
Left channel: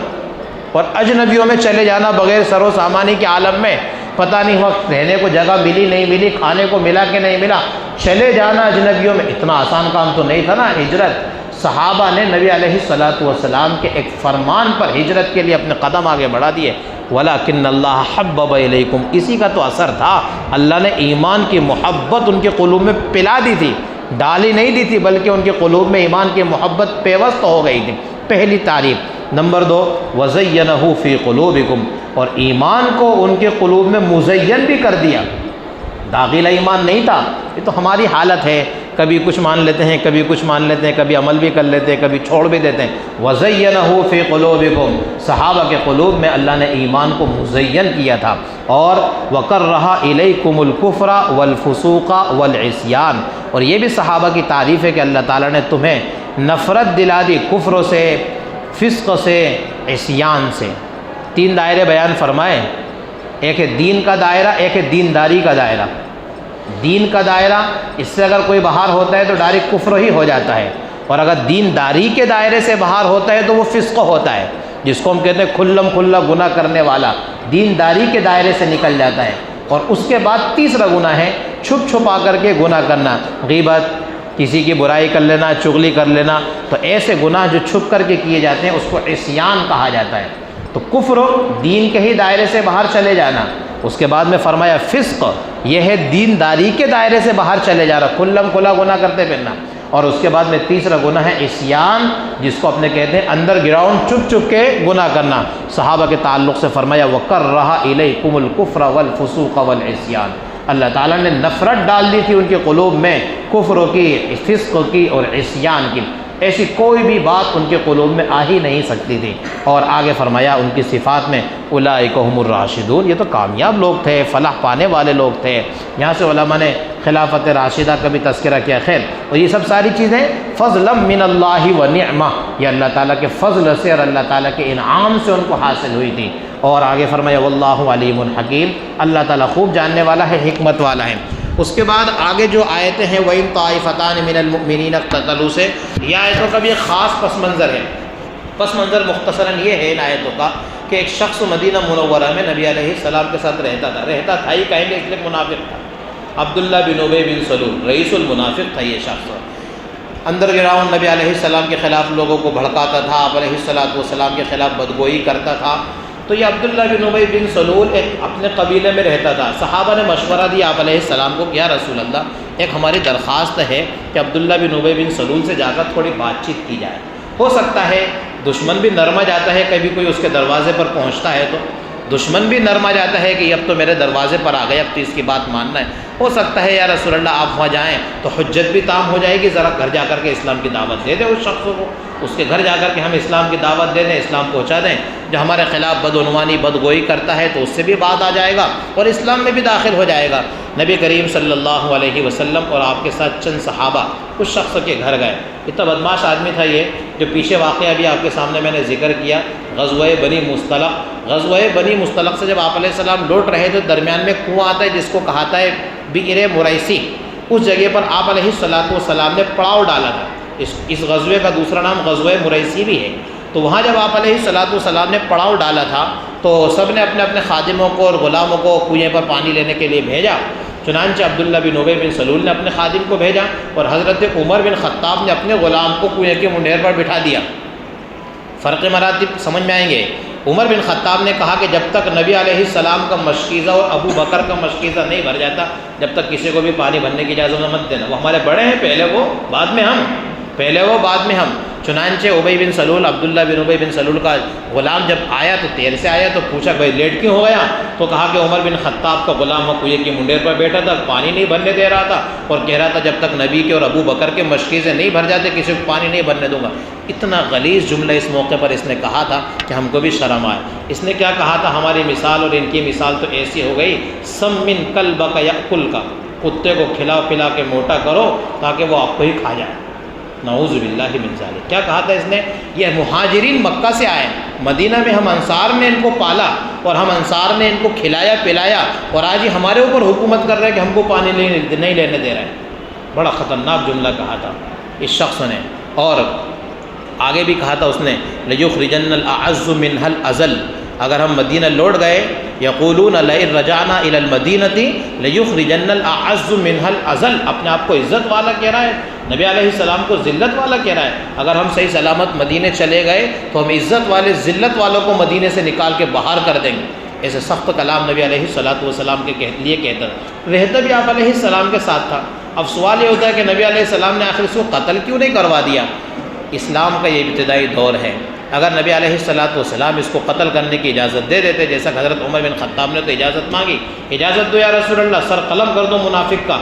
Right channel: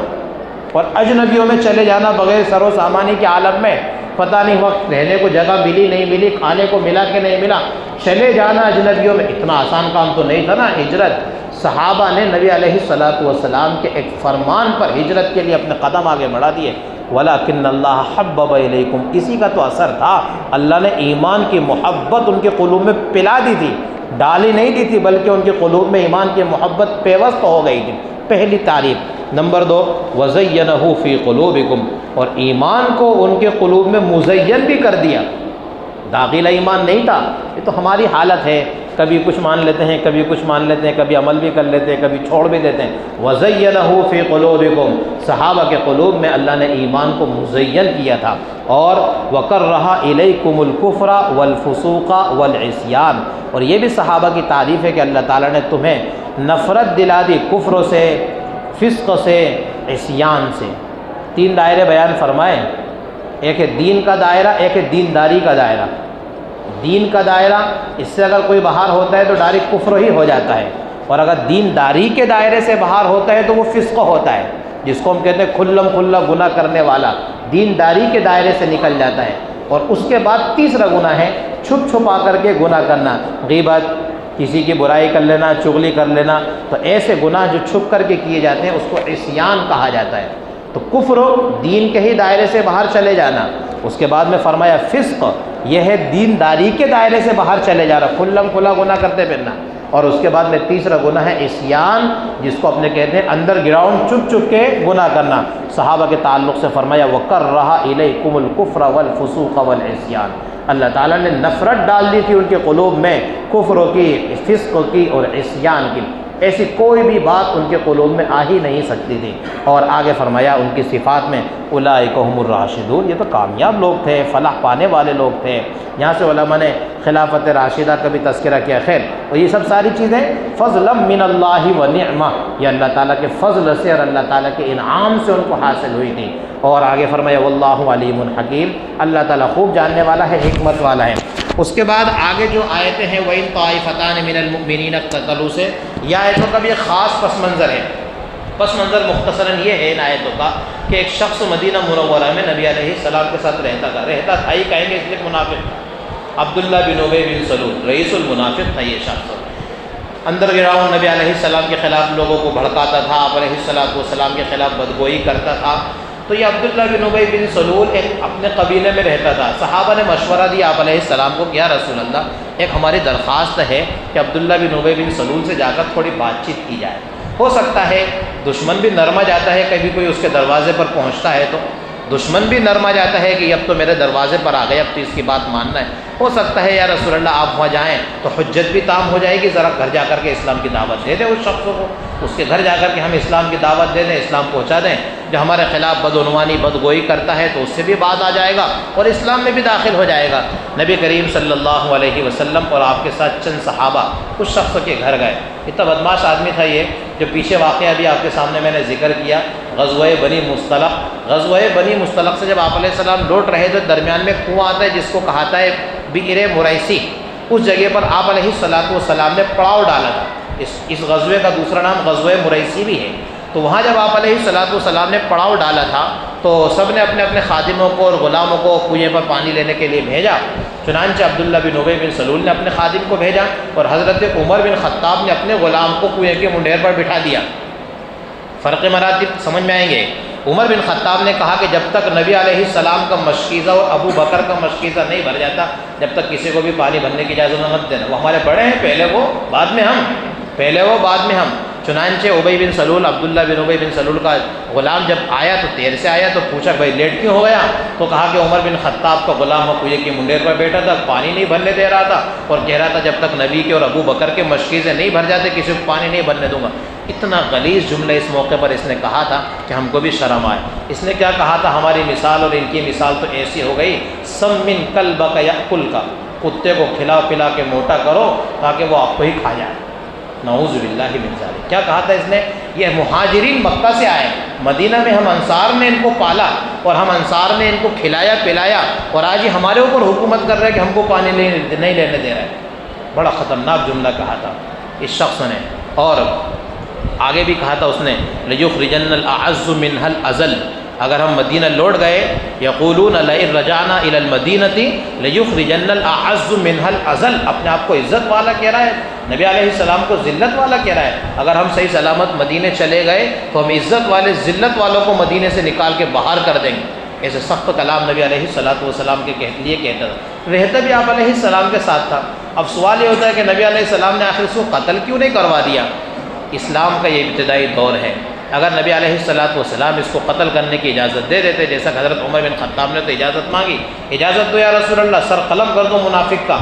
اور اجنبیوں میں چلے جانا بغیر سر و سامانی کے عالم میں، پتہ نہیں وقت رہنے کو جگہ ملی نہیں ملی، کھانے کو ملا کہ نہیں ملا، چلے جانا اجنبیوں میں۔ اتنا آسان کام تو نہیں تھا نا ہجرت۔ صحابہ نے نبی علیہ السلام کے ایک فرمان پر ہجرت کے لیے اپنے قدم آگے بڑھا دیے۔ وَلَكِنَّ اللَّهَ حَبَّبَ إِلَيْكُمْ، اسی کا تو اثر تھا، اللہ نے ایمان کی محبت ان کے قلوب میں پلا دی تھی، ڈالی نہیں دی تھی، بلکہ ان کے قلوب میں ایمان کی محبت پیوست ہو گئی تھی۔ پہلی تعریف۔ نمبر 2، وَزَيَّنَهُ فِي قُلُوبِكُمْ، اور ایمان کو ان کے قلوب میں مزین بھی کر دیا۔ داخلہ ایمان نہیں تھا، یہ تو ہماری حالت ہے، کبھی کچھ مان لیتے ہیں، کبھی کچھ مان لیتے ہیں، کبھی عمل بھی کر لیتے ہیں، کبھی چھوڑ بھی دیتے ہیں۔ وَزَيَّنَهُ فِي قُلُوبِكُمْ، صحابہ کے قلوب میں اللہ نے ایمان کو مزین کیا تھا۔ اور وَكَرَّهَ إِلَيْكُمُ الْكُفْرَ وَالْفُسُوقَ وَالْعِصْيَانَ، اور یہ بھی صحابہ کی تعریف ہے کہ اللہ تعالیٰ نے تمہیں نفرت دلا دی کفر سے، فسق سے، عصیان سے۔ 3 دائرے بیان فرمائے، ایک ہے دین کا دائرہ، ایک ہے دینداری کا دائرہ۔ دین کا دائرہ، اس سے اگر کوئی باہر ہوتا ہے تو ڈائریکٹ کفر ہی ہو جاتا ہے، اور اگر دینداری کے دائرے سے باہر ہوتا ہے تو وہ فسق ہوتا ہے، جس کو ہم کہتے ہیں کھلم کھلا گناہ کرنے والا، دینداری کے دائرے سے نکل جاتا ہے۔ اور اس کے بعد تیسرا گناہ ہے چھپ چھپا کر کے گناہ کرنا، غیبت، کسی کی برائی کر لینا، چغلی کر لینا، تو ایسے گناہ جو چھپ کر کے کیے جاتے ہیں اس کو عصیان کہا جاتا ہے۔ تو کفر دین کے ہی دائرے سے باہر چلے جانا، اس کے بعد میں فرمایا فسق، یہ ہے دینداری کے دائرے سے باہر چلے جا رہا، کھلم کھلا گناہ کرتے پھرنا، اور اس کے بعد میں تیسرا گناہ ہے عصیان، جس کو اپنے کہتے ہیں انڈر گراؤنڈ چھپ چھپ کے گناہ کرنا۔ صحابہ کے تعلق سے فرمایا وَكَرَّهَ إِلَيْكُمُ الْكُفْرَ وَالْفُسُوقَ وَالْعِصْيَانَ، اللہ تعالیٰ نے نفرت ڈال دی تھی ان کے قلوب میں کفر کی، فسق کی اور عصیان کی، ایسی کوئی بھی بات ان کے قلوب میں آ ہی نہیں سکتی تھی۔ اور آگے فرمایا ان کی صفات میں اولئک هم الراشدون، یہ تو کامیاب لوگ تھے، فلاح پانے والے لوگ تھے۔ یہاں سے علماء نے خلافت راشدہ کا بھی تذکرہ کیا۔ خیر، اور یہ سب ساری چیزیں فضلا من اللہ و نعمہ، یہ اللہ تعالیٰ کے فضل سے اور اللہ تعالیٰ کے انعام سے ان کو حاصل ہوئی تھی۔ اور آگے فرمایا واللہ علیم حکیم، اللہ تعالیٰ خوب جاننے والا ہے، حکمت والا ہے۔ اس کے بعد آگے جو آیتیں ہیں وَإِن طَائِفَتَانِ مِنَ الْمُؤْمِنِينَ اقْتَتَلُوا سے، یہ آیتوں کا بھی ایک خاص پس منظر ہے۔ پس منظر مختصراً یہ ہے ان آیتوں کا کہ ایک شخص مدینہ منورہ میں نبی علیہ السلام کے ساتھ رہتا تھا ہی کہیں گے اس لیے منافق تھا، عبداللہ بن ابی بن سلول، رئیس المنافق تھا یہ شخص۔ انڈر گراؤنڈ نبی علیہ السلام کے خلاف لوگوں کو بھڑکاتا تھا، آپ علیہ السلام کے خلاف بدگوئی کرتا تھا۔ تو یہ عبداللہ بن ابی بن سلول ایک اپنے قبیلے میں رہتا تھا۔ صحابہ نے مشورہ دیا آپ علیہ السلام کو کہ یا رسول اللہ، ایک ہماری درخواست ہے کہ عبداللہ بن ابی بن سلول سے جا کر تھوڑی بات چیت کی جائے، ہو سکتا ہے دشمن بھی نرما جاتا ہے، کبھی کوئی اس کے دروازے پر پہنچتا ہے تو دشمن بھی نرما جاتا ہے کہ اب تو میرے دروازے پر آ گئے، اب تو اس کی بات ماننا ہے، ہو سکتا ہے یا رسول اللہ آپ وہاں جائیں تو حجت بھی تام ہو جائے گی، ذرا گھر جا کر کے اسلام کی دعوت دے دیں اس شخص کو، اس کے گھر جا کر کے ہم اسلام کی دعوت دے دیں، اسلام پہنچا دیں، جو ہمارے خلاف بدعنوانی بدگوئی کرتا ہے تو اس سے بھی بات آ جائے گا اور اسلام میں بھی داخل ہو جائے گا۔ نبی کریم صلی اللہ علیہ وسلم اور آپ کے ساتھ چند صحابہ اس شخص کے گھر گئے۔ اتنا بدماش آدمی تھا یہ، جو پیچھے واقعہ بھی آپ کے سامنے میں نے ذکر کیا، غزوہ بنی مصطلق۔ غزوہ بنی مصطلق سے جب آپ علیہ السلام لوٹ رہے تو درمیان میں کنواں آتا ہے جس کو کہاتا ہے بئر مریسی، اس جگہ پر آپ علیہ السلام نے پڑاؤ ڈالا تھا۔ اس غزوے کا دوسرا نام غزوہ مریسی بھی ہے۔ تو وہاں جب آپ علیہ السلام نے پڑاؤ ڈالا تھا تو سب نے اپنے اپنے خادموں کو اور غلاموں کو کنویں پر پانی لینے کے لیے بھیجا۔ چنانچہ عبداللہ بن ابی بن سلول نے اپنے خادم کو بھیجا اور حضرت عمر بن خطاب نے اپنے غلام کو کنویں کے منڈیر پر بٹھا دیا۔ فرق مراتب سمجھ میں آئیں گے۔ عمر بن خطاب نے کہا کہ جب تک نبی علیہ السلام کا مشکیزہ اور ابو بکر کا مشکیزہ نہیں بھر جاتا، جب تک کسی کو بھی پانی بھرنے کی اجازت مت دینا، وہ ہمارے بڑے ہیں، پہلے وہ بعد میں ہم، پہلے وہ بعد میں ہم۔ چنانچہ ابی بن سلول، عبداللہ بن ابی بن سلول کا غلام جب آیا تو دیر سے آیا، تو پوچھا بھائی لیٹ کیوں ہو گیا؟ تو کہا کہ عمر بن خطاب کا غلام وہ کوئے کی منڈیر پر بیٹھا تھا، پانی نہیں بھرنے دے رہا تھا، اور کہہ رہا تھا جب تک نبی کے اور ابو بکر کے مشکیزیں نہیں بھر جاتے کسی کو پانی نہیں بھرنے دوں گا۔ اتنا غلیظ جملہ اس موقع پر اس نے کہا تھا کہ ہم کو بھی شرم آئے۔ اس نے کیا کہا تھا؟ ہماری مثال اور ان کی مثال تو ایسی ہو گئی، سمن کلبک یأکل کا، کتے کو کھلا پلا کے موٹا کرو تاکہ وہ آپ کو ہی کھا جائے۔ نعوذ باللہ من ذالک۔ کیا کہا تھا اس نے؟ یہ مہاجرین مکہ سے آئے، مدینہ میں ہم انصار نے ان کو پالا اور ہم انصار نے ان کو کھلایا پلایا، اور آج یہ ہمارے اوپر حکومت کر رہے ہیں کہ ہم کو پانی نہیں لینے دے رہے ہیں۔ بڑا خطرناک جملہ کہا تھا اس شخص نے۔ اور آگے بھی کہا تھا اس نے لَيُخْرِجَنَّ الْأَعَزُّ مِنْهَا الْأَذَلَّ، اگر ہم مدینہ لوٹ گئے، یقولون لئن رجعنا الى المدینة ليخرجن الأعز منها الأذل، اپنے آپ کو عزت والا کہہ رہا ہے، نبی علیہ السلام کو ذلت والا کہہ رہا ہے۔ اگر ہم صحیح سلامت مدینے چلے گئے تو ہم عزت والے ذلت والوں کو مدینے سے نکال کے باہر کر دیں گے۔ ایسے سخت کلام نبی علیہ السلام کے لیے کہتا تھا، رہتا بھی آپ علیہ السلام کے ساتھ تھا۔ اب سوال یہ ہوتا ہے کہ نبی علیہ السلام نے آخر اس کو قتل کیوں نہیں کروا دیا؟ اسلام کا یہ ابتدائی دور ہے، اگر نبی علیہ السلام اس کو قتل کرنے کی اجازت دے دیتے، جیسا کہ حضرت عمر بن خطاب نے تو اجازت مانگی، اجازت دو یا رسول اللہ، سر قلم کر دو منافق کا،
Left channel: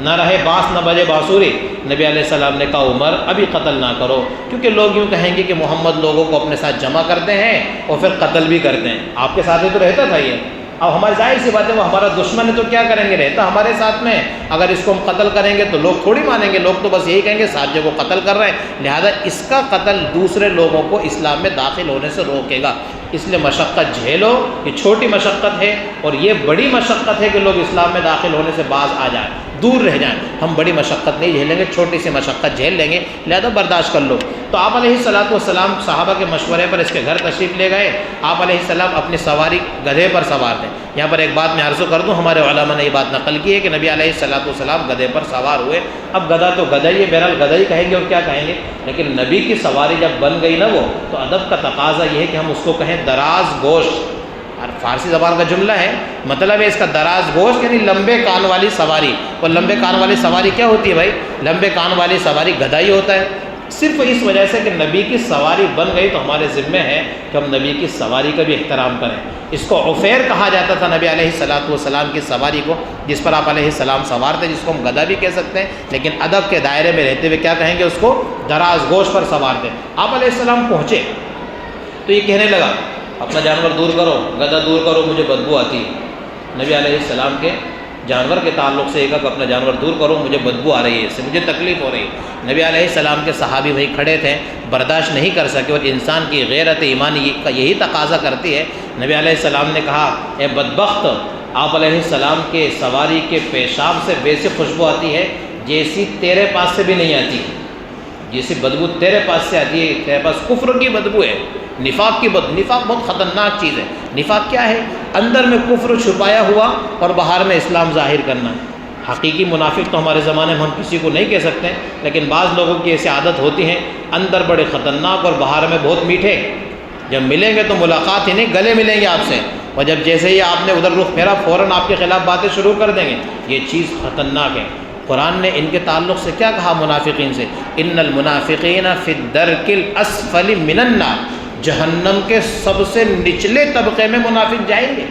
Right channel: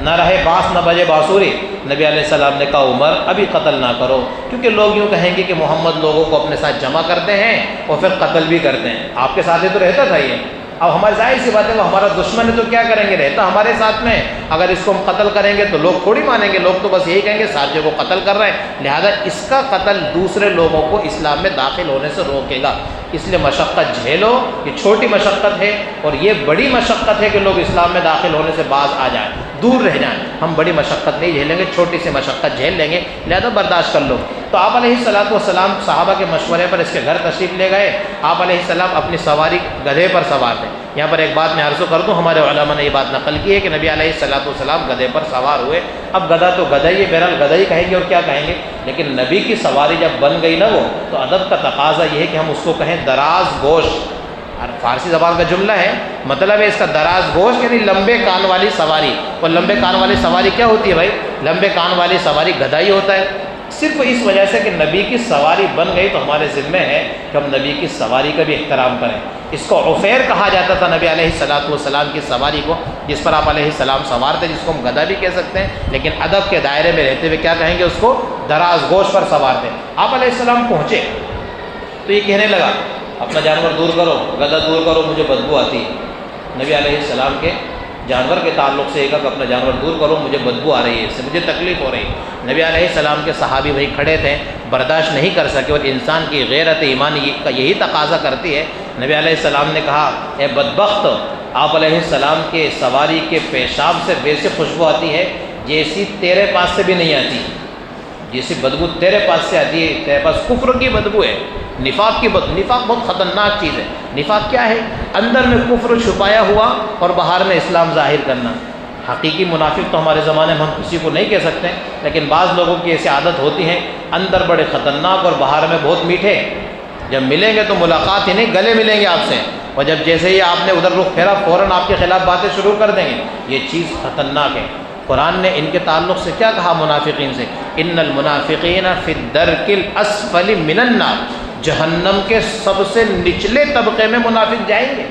نہ رہے بانس نہ بجے بانسری۔ نبی علیہ السلام نے کہا عمر ابھی قتل نہ کرو، کیونکہ لوگ یوں کہیں گے کہ محمد لوگوں کو اپنے ساتھ جمع کرتے ہیں اور پھر قتل بھی کرتے ہیں، آپ کے ساتھ ہی تو رہتا تھا یہ۔ اب ہماری ظاہر سی بات ہے وہ ہمارا دشمن ہے تو کیا کریں گے، رہتا ہمارے ساتھ میں، اگر اس کو ہم قتل کریں گے تو لوگ تھوڑی مانیں گے، لوگ تو بس یہی کہیں گے ساتھیوں کو قتل کر رہے ہیں، لہذا اس کا قتل دوسرے لوگوں کو اسلام میں داخل ہونے سے روکے گا، اس لیے مشقت جھیلو۔ یہ چھوٹی مشقت ہے اور یہ بڑی مشقت ہے کہ لوگ اسلام میں داخل ہونے سے باز آ جائیں، دور رہ جائیں۔ ہم بڑی مشقت نہیں جھیلیں گے، چھوٹی سی مشقت جھیل لیں گے، لہذا برداشت کر لو۔ تو آپ علیہ السلام صحابہ کے مشورے پر اس کے گھر تشریف لے گئے۔ آپ علیہ السلام اپنی سواری گدھے پر سوار تھے۔ یہاں پر ایک بات میں عرض کر دوں، ہمارے علماء نے یہ بات نقل کی ہے کہ نبی علیہ السلام گدھے پر سوار ہوئے۔ اب گدھا تو گدھا ہی ہے، بہرحال گدھا ہی کہیں گے اور کیا کہیں گے، لیکن نبی کی سواری جب بن گئی نا وہ، تو ادب کا تقاضا یہ ہے کہ ہم اس کو کہیں دراز گوشت، اور فارسی زبان کا جملہ ہے، مطلب ہے اس کا دراز گوشت، یعنی لمبے کان والی سواری۔ اور لمبے کان والی سواری کیا ہوتی ہے بھائی؟ لمبے کان والی سواری گدھا ہی ہوتا ہے۔ صرف اس وجہ سے کہ نبی کی سواری بن گئی تو ہمارے ذمہ ہے کہ ہم نبی کی سواری کا بھی احترام کریں۔ اس کو عفیر کہا جاتا تھا نبی علیہ السلام کی سواری کو، جس پر آپ علیہ السلام سوار تھے، جس کو ہم گدھا بھی کہہ سکتے ہیں، لیکن ادب کے دائرے میں رہتے ہوئے کیا کہیں گے، اس کو دراز گوشت پر سوار تھے۔ آپ علیہ السلام پہنچے تو یہ کہنے لگا اپنا جانور دور کرو، گدھا دور کرو، مجھے بدبو آتی ہے۔ نبی علیہ السلام کے جانور کے تعلق سے ایک اپنا جانور دور کرو، مجھے بدبو آ رہی ہے، اس سے مجھے تکلیف ہو رہی ہے۔ نبی علیہ السلام کے صحابی وہی کھڑے تھے، برداشت نہیں کر سکے، اور انسان کی غیرت ایمانی کا یہی تقاضا کرتی ہے۔ نبی علیہ السلام نے کہا اے بدبخت، آپ علیہ السلام کے سواری کے پیشاب سے ویسی خوشبو آتی ہے جیسی تیرے پاس سے بھی نہیں آتی، جیسی بدبو تیرے پاس سے آتی ہے، تیرے پاس کفر کی بدبو ہے، نفاق کی بدبو۔ نفاق بہت خطرناک چیز ہے۔ نفاق کیا ہے؟ اندر میں کفر چھپایا ہوا اور باہر میں اسلام ظاہر کرنا۔ حقیقی منافق تو ہمارے زمانے میں ہم کسی کو نہیں کہہ سکتے، لیکن بعض لوگوں کی ایسی عادت ہوتی ہے، اندر بڑے خطرناک اور باہر میں بہت میٹھے۔ جب ملیں گے تو ملاقات ہی نہیں، گلے ملیں گے آپ سے، اور جب جیسے ہی آپ نے ادھر رخ پھیرا فوراً آپ کے خلاف باتیں شروع کر دیں گے۔ یہ چیز خطرناک ہے۔ قرآن نے ان کے تعلق سے کیا کہا منافقین سے؟ ان المنافقین فی الدرک الاسفل من النار، جہنم کے سب سے نچلے طبقے میں منافق جائیں گے۔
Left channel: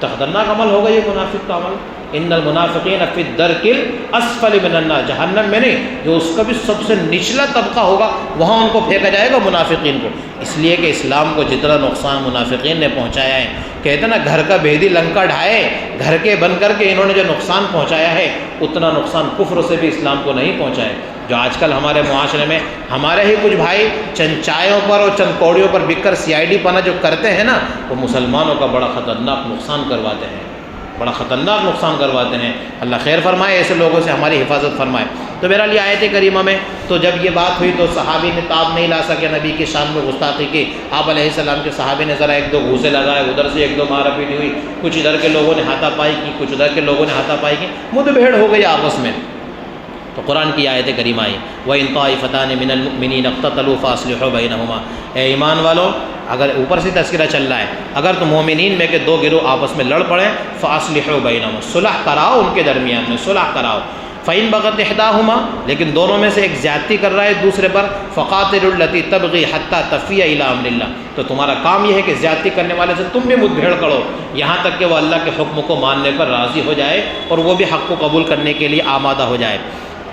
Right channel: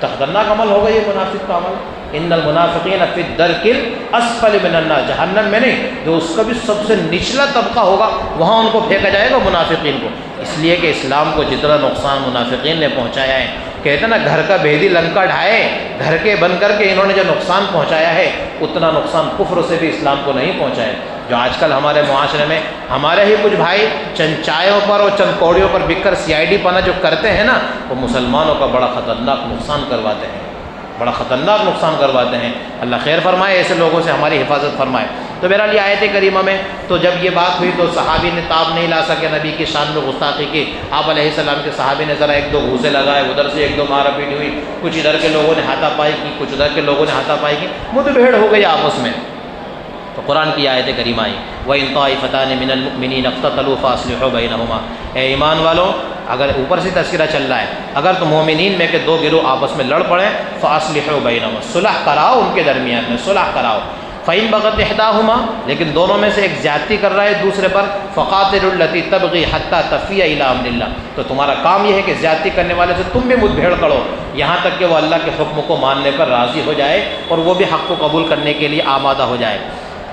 خطرناک عمل ہوگا یہ منافق کا عمل۔ ان المنافقین فی الدرک الاسفل من النار، جہنم میں نہیں، جو اس کا بھی سب سے نچلا طبقہ ہوگا وہاں ان کو پھینکا جائے گا منافقین کو۔ اس لیے کہ اسلام کو جتنا نقصان منافقین نے پہنچایا ہے، کہتے ہیں نا گھر کا بھیدی لنکا ڈھائے، گھر کے بن کر کے انہوں نے جو نقصان پہنچایا ہے اتنا نقصان کفر سے بھی اسلام کو نہیں پہنچایا۔ جو آج کل ہمارے معاشرے میں ہمارے ہی کچھ بھائی چند چائےوں پر اور چند کوڑیوں پر بک کر CID پنا جو کرتے ہیں نا، وہ مسلمانوں کا بڑا خطرناک نقصان کرواتے ہیں، بڑا خطرناک نقصان کرواتے ہیں۔ اللہ خیر فرمائے، ایسے لوگوں سے ہماری حفاظت فرمائے۔ تو بہرحال یہ آیت کریمہ میں تو جب یہ بات ہوئی تو صحابی نے تاب نہیں لا سکے نبی کی شان میں گستاخی کی۔ آپ علیہ السلام کے صحابی نے ذرا ایک دو گھوسے لگائے، ادھر سے ایک دو مارا پیٹ ہوئی، کچھ ادھر کے لوگوں نے ہاتھا پائی کی، کچھ ادھر کے لوگوں نے ہاتھا پائی کی، مد بھیڑ ہو گئی آپس میں۔ تو قرآن کی آیت کریمہ آئی وَإِن طَائِفَتَانِ مِنَ الْمُؤْمِنِينَ اقْتَتَلُوا فَأَصْلِحُوا بَيْنَهُمَا، اے ایمان والو اگر اوپر سے تذکرہ چل رہا ہے، اگر تو مومنین میں کہ دو گروہ آپس میں لڑ پڑیں فاصلحوا بینہما، صلح کراؤ ان کے درمیان میں، صلح کراؤ۔ فَإِن بَغَتْ إِحْدَاهُمَا، لیکن دونوں میں سے ایک زیادتی کر رہا ہے دوسرے پر، فَقَاتِلُوا الَّتِي تَبْغِي حَتَّى تَفِيَ إِلَىٰ أَمْرِ اللَّهِ، تو تمہارا کام یہ ہے کہ زیادتی کرنے والے سے تم بھی مدبھیڑ کرو یہاں تک کہ وہ اللہ کے حکم کو ماننے پر راضی ہو جائے اور وہ بھی حق کو قبول کرنے کے لیے آمادہ ہو جائے۔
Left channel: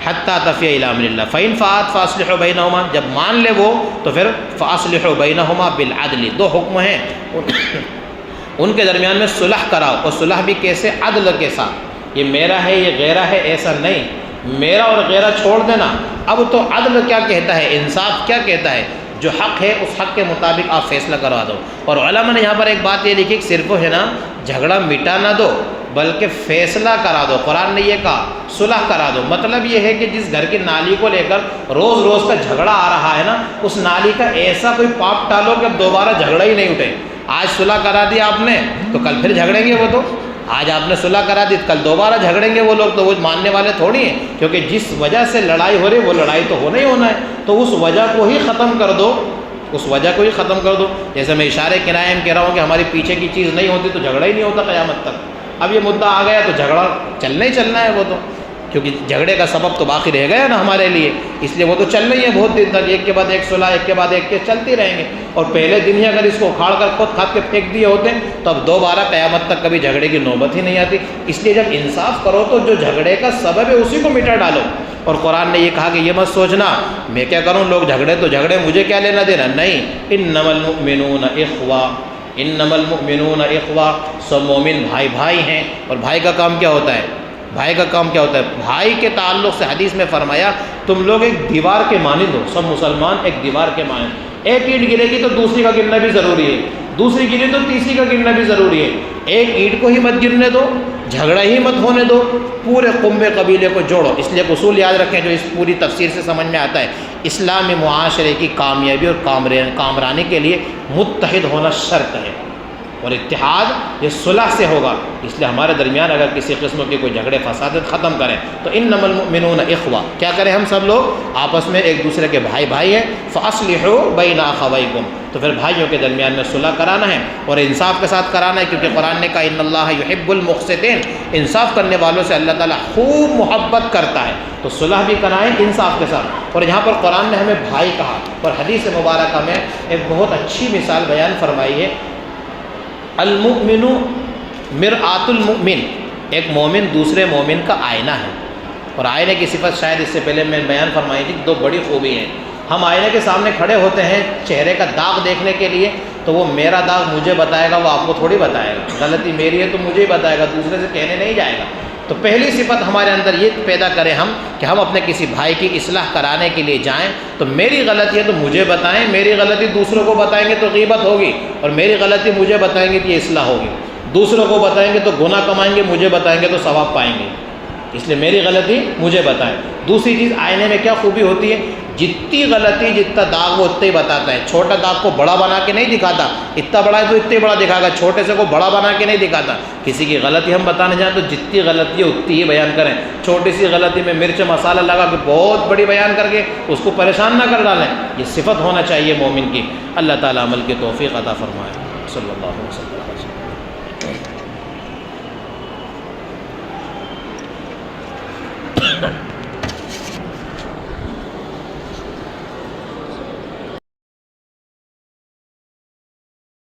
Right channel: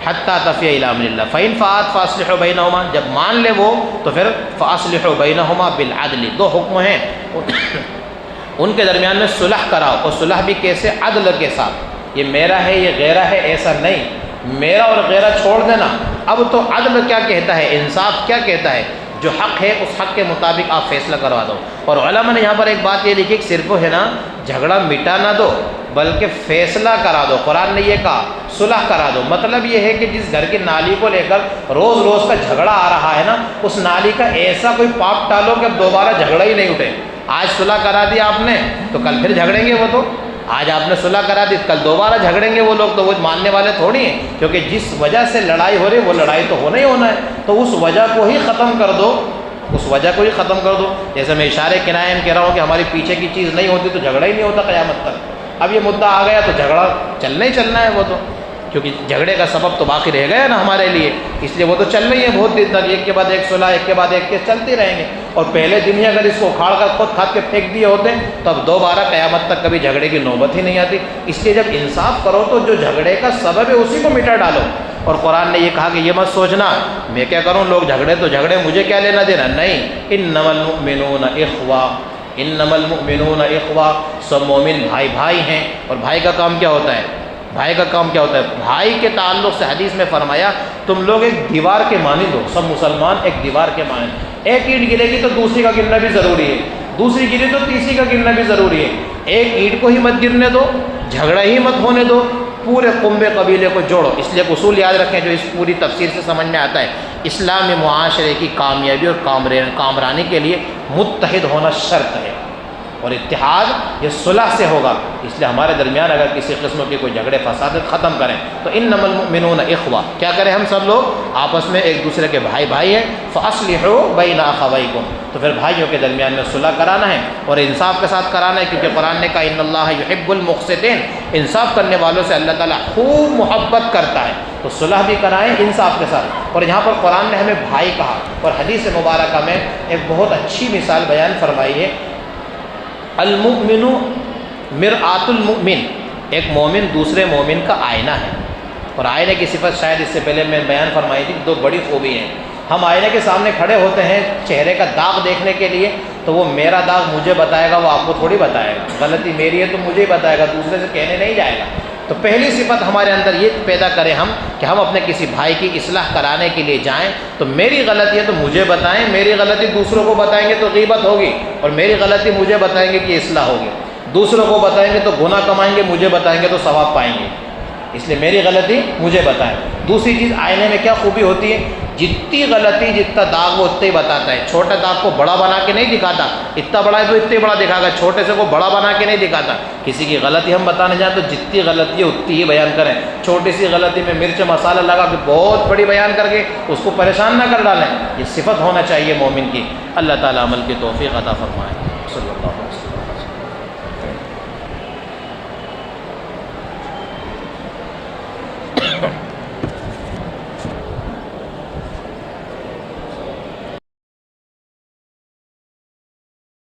حَتَّى تَفِيَ إِلَىٰ أَمْرِ اللَّهِ فَإِن فَاءَتْ فَأَصْلِحُوا بَيْنَهُمَا، جب مان لے وہ تو پھر فَأَصْلِحُوا بَيْنَهُمَا بِالْعَدْلِ، دو حکم ہیں ان کے درمیان میں صلح کراؤ، اور صلح بھی کیسے؟ عدل کے ساتھ، یہ میرا ہے یہ غیرہ ہے ایسا نہیں، میرا اور غیرہ چھوڑ دینا۔ اب تو عدل کیا کہتا ہے، انصاف کیا کہتا ہے، جو حق ہے اس حق کے مطابق آپ فیصلہ کروا دو۔ اور علماء نے یہاں پر ایک بات یہ لکھی کہ صرف ہے نا جھگڑا مٹا نہ دو بلکہ فیصلہ کرا دو۔ قرآن نے یہ کہا صلح کرا دو، مطلب یہ ہے کہ جس گھر کی نالی کو لے کر روز روز کا جھگڑا آ رہا ہے نا، اس نالی کا ایسا کوئی پاپ ٹالو کہ اب دوبارہ جھگڑا ہی نہیں اٹھے۔ آج صلح کرا دی آپ نے تو کل پھر جھگڑیں گے وہ، تو آج آپ نے صلح کرا دی کل دوبارہ جھگڑیں گے وہ لوگ، تو وہ ماننے والے تھوڑی ہیں، کیونکہ جس وجہ سے لڑائی ہو رہی ہے وہ لڑائی تو ہونا ہی ہونا ہے، تو اس وجہ کو ہی ختم کر دو، اس وجہ کو ہی ختم کر دو۔ جیسے میں اشارے کنائے میں کہہ رہا ہوں کہ ہماری پیچھے کی چیز نہیں ہوتی تو جھگڑا ہی نہیں ہوتا قیامت تک۔ اب یہ مدعا آ گیا تو جھگڑا چلنا ہی چلنا ہے وہ تو، کیونکہ جھگڑے کا سبب تو باقی رہ گیا نا ہمارے لیے، اس لیے وہ تو چل رہی ہے بہت دن تک، ایک کے بعد ایک صلح، ایک کے بعد ایک کے چلتی رہیں گے۔ اور پہلے دن ہی اگر اس کو اکھاڑ کر خود کھاد کے پھینک دیے ہوتے تو اب دوبارہ قیامت تک کبھی جھگڑے کی نوبت ہی نہیں آتی۔ اس لیے جب انصاف کرو تو جو جھگڑے کا سبب ہے اسی کو مٹا ڈالو۔ اور قرآن نے یہ کہا کہ یہ مت سوچنا میں کیا کروں، لوگ جھگڑے تو جھگڑے مجھے کیا لینا دینا، نہیں، انما المؤمنون اخوہ، انما المؤمنون اخوہ، سب مومن بھائی بھائی ہیں۔ اور بھائی کا کام کیا ہوتا ہے، بھائی کا کام کیا ہوتا ہے، بھائی کے تعلق سے حدیث میں فرمایا تم لوگ ایک دیوار کے مانند ہو، سب مسلمان ایک دیوار کے مانند، ایک اینٹ گرے گی تو دوسری کا گرنا بھی ضروری ہے، دوسری گری تو تیسری کا گرنا بھی ضروری ہے، ایک اینٹ کو ہی مت گرنے دو، جھگڑا ہی مت ہونے دو، پورے قنبے قبیلے کو جوڑو۔ اس لیے اصول یاد رکھیں جو اس پوری تفسیر سے سمجھ میں آتا ہے، اسلامی معاشرے کی کامیابی اور کامرانی کے لیے متحد ہونا شرط ہے، اور اتحاد یہ صلح سے ہوگا۔ اس لیے ہمارے درمیان اگر کسی قسم کے کوئی جھگڑے فسادات ختم کریں تو انما المؤمنون اخوہ، کیا کریں ہم سب لوگ آپس میں ایک دوسرے کے بھائی بھائی ہیں، فاصلحوا بین اخویکم، تو پھر بھائیوں کے درمیان میں صلح کرانا ہے اور انصاف کے ساتھ کرانا ہے، کیونکہ قرآن نے کہا ان اللہ یحب المقسطین، انصاف کرنے والوں سے اللہ تعالیٰ خوب محبت کرتا ہے، تو صلح بھی کرائیں انصاف کے ساتھ۔ اور یہاں پر قرآن نے ہمیں بھائی کہا، اور حدیث مبارکہ میں ایک بہت اچھی مثال بیان فرمائی ہے، المؤمن مرآۃ المؤمن، ایک مومن دوسرے مومن کا آئینہ ہے۔ اور آئینے کی صفت شاید اس سے پہلے میں بیان فرمائی تھی، دو بڑی خوبی ہیں۔ ہم آئینے کے سامنے کھڑے ہوتے ہیں چہرے کا داغ دیکھنے کے لیے، تو وہ میرا داغ مجھے بتائے گا، وہ آپ کو تھوڑی بتائے گا، غلطی میری ہے تو مجھے ہی بتائے گا، دوسرے سے کہنے نہیں جائے گا۔ تو پہلی صفت ہمارے اندر یہ پیدا کریں ہم کہ ہم اپنے کسی بھائی کی اصلاح کرانے کے لیے جائیں تو میری غلطی ہے تو مجھے بتائیں، میری غلطی دوسروں کو بتائیں گے تو غیبت ہوگی، اور میری غلطی مجھے بتائیں گے کہ اصلاح ہوگی، دوسروں کو بتائیں گے تو گناہ کمائیں گے، مجھے بتائیں گے تو ثواب پائیں گے، اس لیے میری غلطی مجھے بتائیں۔ دوسری چیز آئینے میں کیا خوبی ہوتی ہے، جتنی غلطی جتنا داغ وہ اتنا ہی بتاتا ہے، چھوٹا داغ کو بڑا بنا کے نہیں دکھاتا، اتنا بڑا ہے تو اتنا بڑا دکھائے گا، چھوٹے سے کو بڑا بنا کے نہیں دکھاتا۔ کسی کی غلطی ہم بتانے جائیں تو جتنی غلطی ہے اتنی ہی بیان کریں، چھوٹی سی غلطی میں مرچ مسالہ لگا کے بہت بڑی بیان کر کے اس کو پریشان نہ کر ڈالیں، یہ صفت ہونا چاہیے مومن کی۔ اللہ تعالیٰ عمل کی توفیق عطا فرمائے۔ صلی اللہ علیہ وسلم۔